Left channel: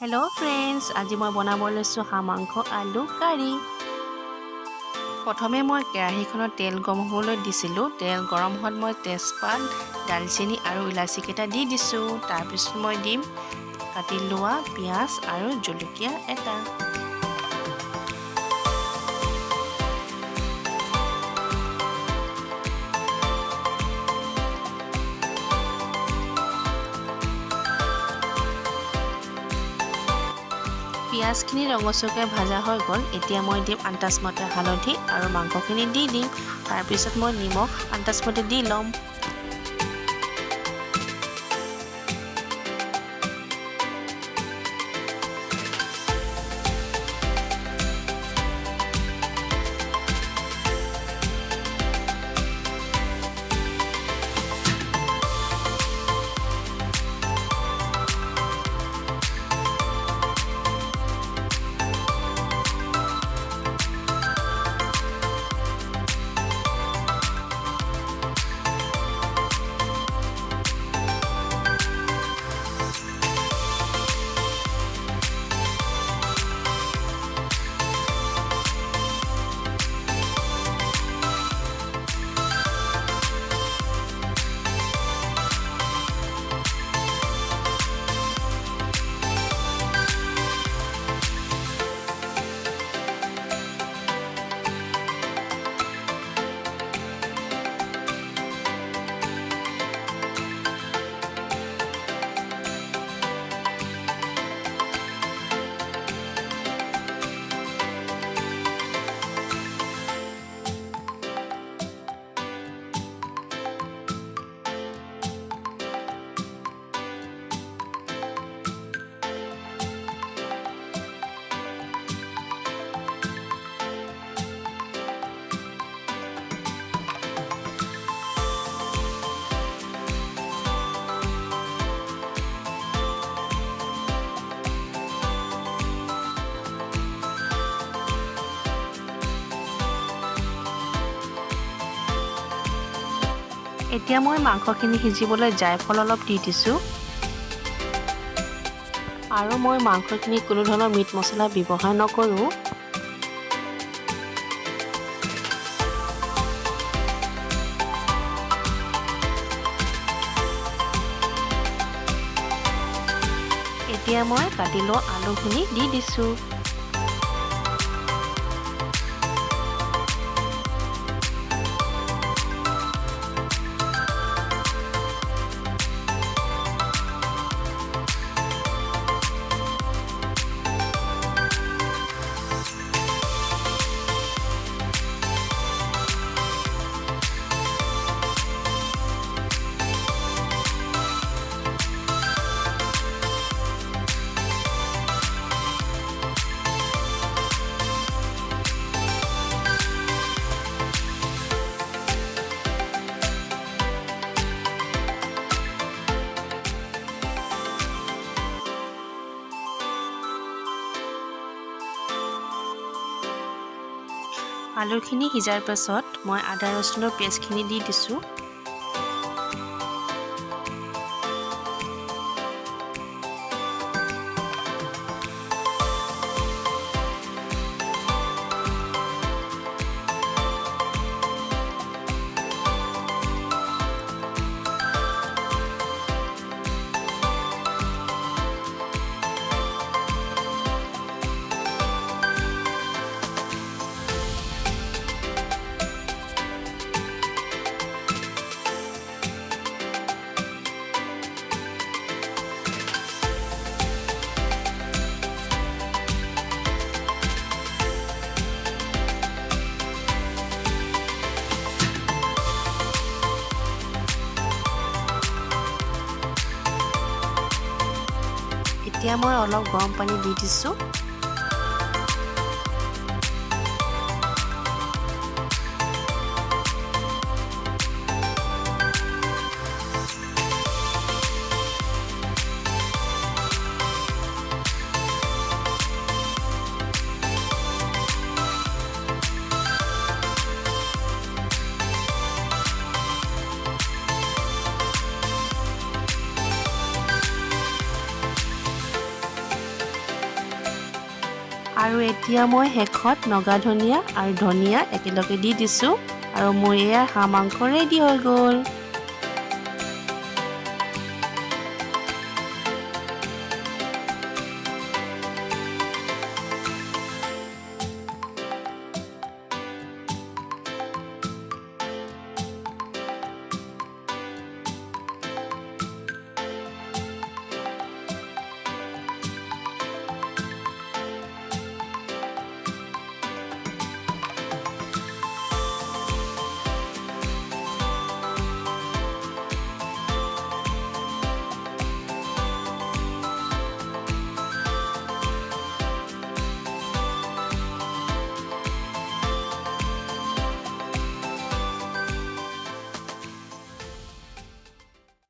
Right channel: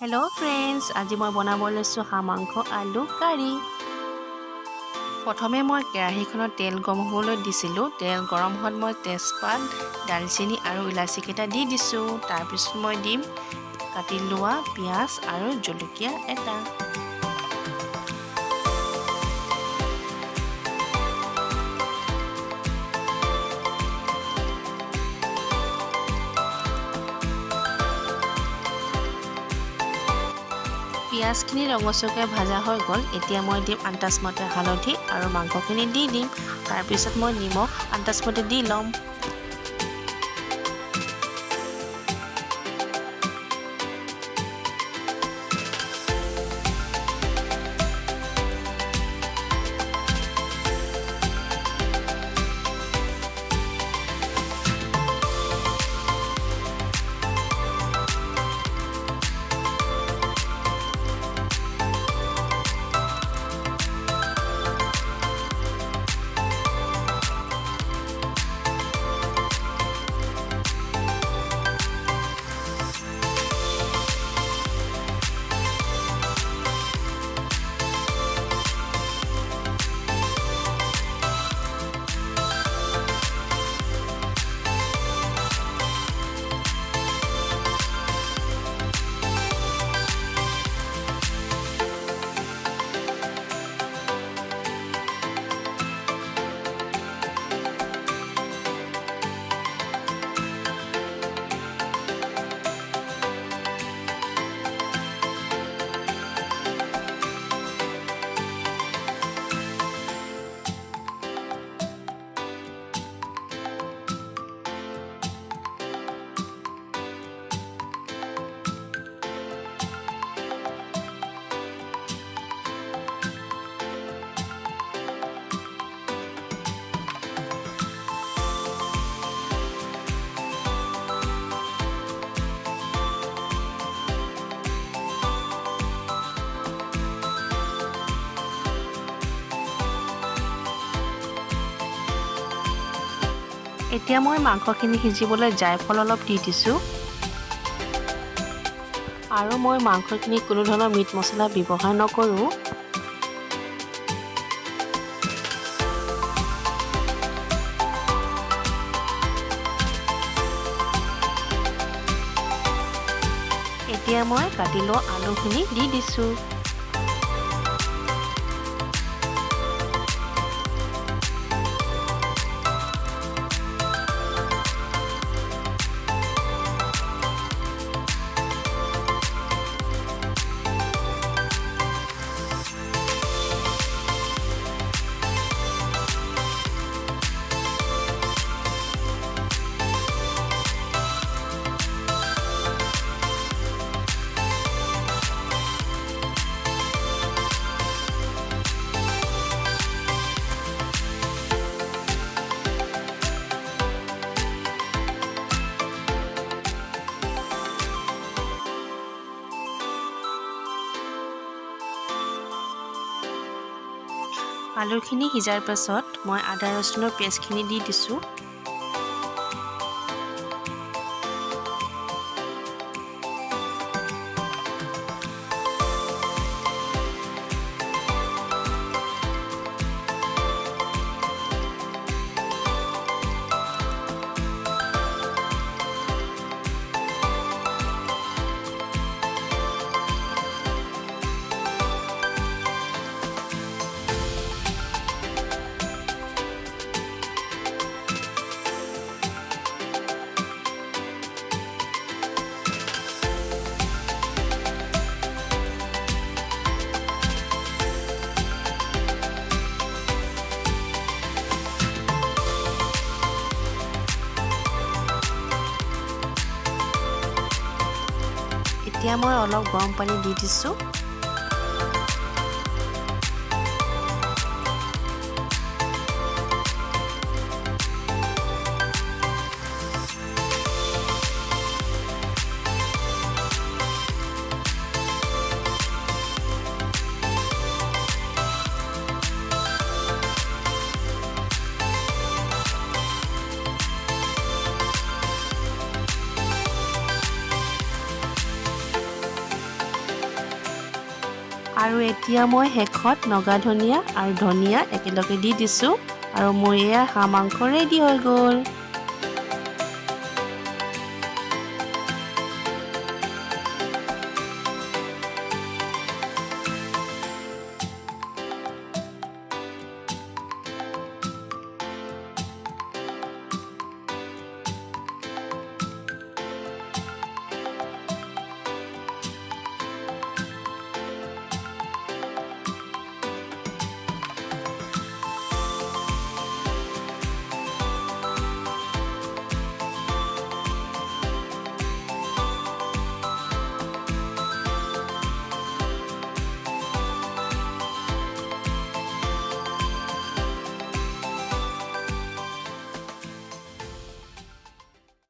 Hello' friends, আজি মই বনাব লৈছোঁ হাঁহ মাংস আলু কাৰী। প্ৰথমে মই কেৰাহীখনত তেল গৰম হ'বলৈ দিছিলোঁ। তেল গৰম হোৱাত মই তেজপাত, দালচেনি আৰু ইলাচিকেইটা দি দিছোঁ। তাৰপিছত মই দিম কাটি লোৱা পিঁয়াজ আৰু জলকীয়া এটা। পিঁয়াজখিনি ৰঙচুৱাকৈ ভাজা হৈ গ'ল। এতিয়া মই দিম আন্দাজমতে হালধি আৰু মাংসখিনি দি দিম। তাৰপিছত মই নিমখ আন্দাজমতে দি ল'ম। এতিয়া মই মাংসখিনি সিজিবলৈ জায়ফল অলপ দি দিছোঁ। আৰু মই মাংসখিনি কোনো ধৰণৰ মিট মছলা ব্যৱহাৰ নকৰোঁ। এতিয়া মই কাটি লোৱা আলুখিনি দি দিছোঁ। আলুখিনি সিজাৰ পাছত মই আদা ৰচুনৰ পেষ্টখিনি দি দিছোঁ। এতিয়া মই অলপ গৰম পানী দি দিছোঁ। আৰু এতিয়া মই শেষত নগা ধনিয়া আৰু ধনিয়া একেলগে দি দিছোঁ আৰু মোৰ এয়া হাঁহ মাংস ৰেডি হৈ গ'ল।